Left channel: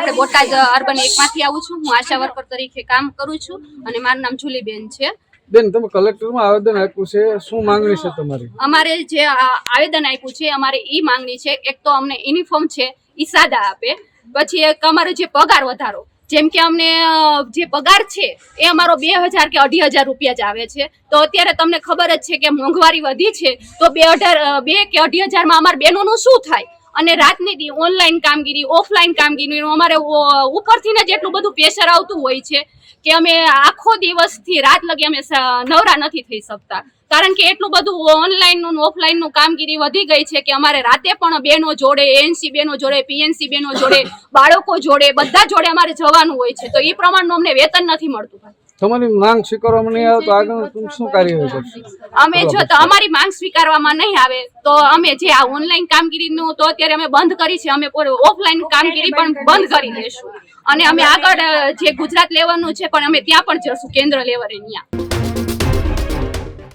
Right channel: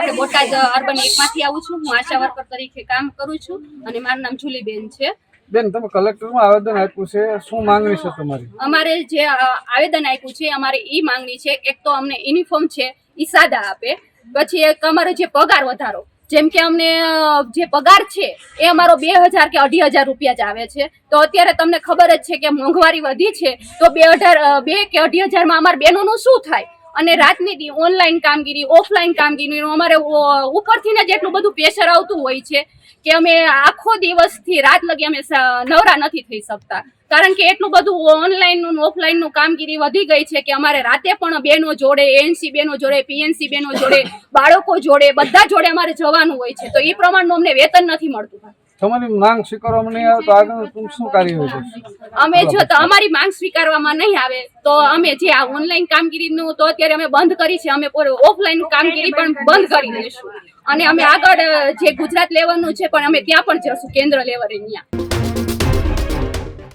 આપણે બોટાદ અર્બન 1 માંથી આવું છું। હું આશા વર્કર તરીકે કામ કરું છું અને મારું નામ જુલીબેન છે। બેન, તમે કલેક્ટરમાં આવેદન આપ્યું છે, શું માંગણી છે તમારી? અમારે જે આવેદન આપ્યું છે, અમારે ઈ માંગણી છે, એક તો અમને યુનિફોર્મ છે ઈ સાદા આપે, પછી એક અમારો જે પગાર વધારો, જેમ કે અમને જે પગાર છે એ અમારો 2000 કે 2500 રૂપિયા જ આવે છે। તો અત્યારે તમને ખબર જ છે કે મોંઘવારી વધી છે, તો 2 કે 2500 માં અમારા બહેનોનું શું થાય? અને રાતની ઓનલાઈન કામગીરી, ઓફલાઈન કામગીરી અમારે ઉપરથી ને જેટલું બધું પ્રેશર આવતું હોય છે કે અમે આખો દિવસથી રાત લગી અમે નવરા નથી થઈ શકતા, કારણ કે એટલું બધું ઓનલાઈન નું ઓફલાઈન નું કામગીરી વધી ગઈ છે કે અમારે રાતે પણ બહેનો જોડે, ANC બહેનો જોડે, PNC બહેનો જોડે, બાળકો જોડે, બધા જોડે અમારે જવાનું હોય છે, તો એ પ્રમાણનું અમને વેતન નથી મળતું। તમારી માંગ સ્વીકારવામાં નહીં આવે તો આગળ તમે શું કાર્યવાહી કરશો? અમે જો તો અમારી માંગ સ્વીકારવામાં નહીં આવે તો અમે જે આ ઓનલાઈન કામગીરીનું તો અત્યારે અમે બંધ કરી છે, અમે ઓફલાઈન કામગીરી પણ બંધ કરી દઈશું અને અમે આગળ જે ગુજરાત લેવલનું છે પણ અમે ત્યાં પણ જશું, કેન્દ્ર લેવલે ત્યાં।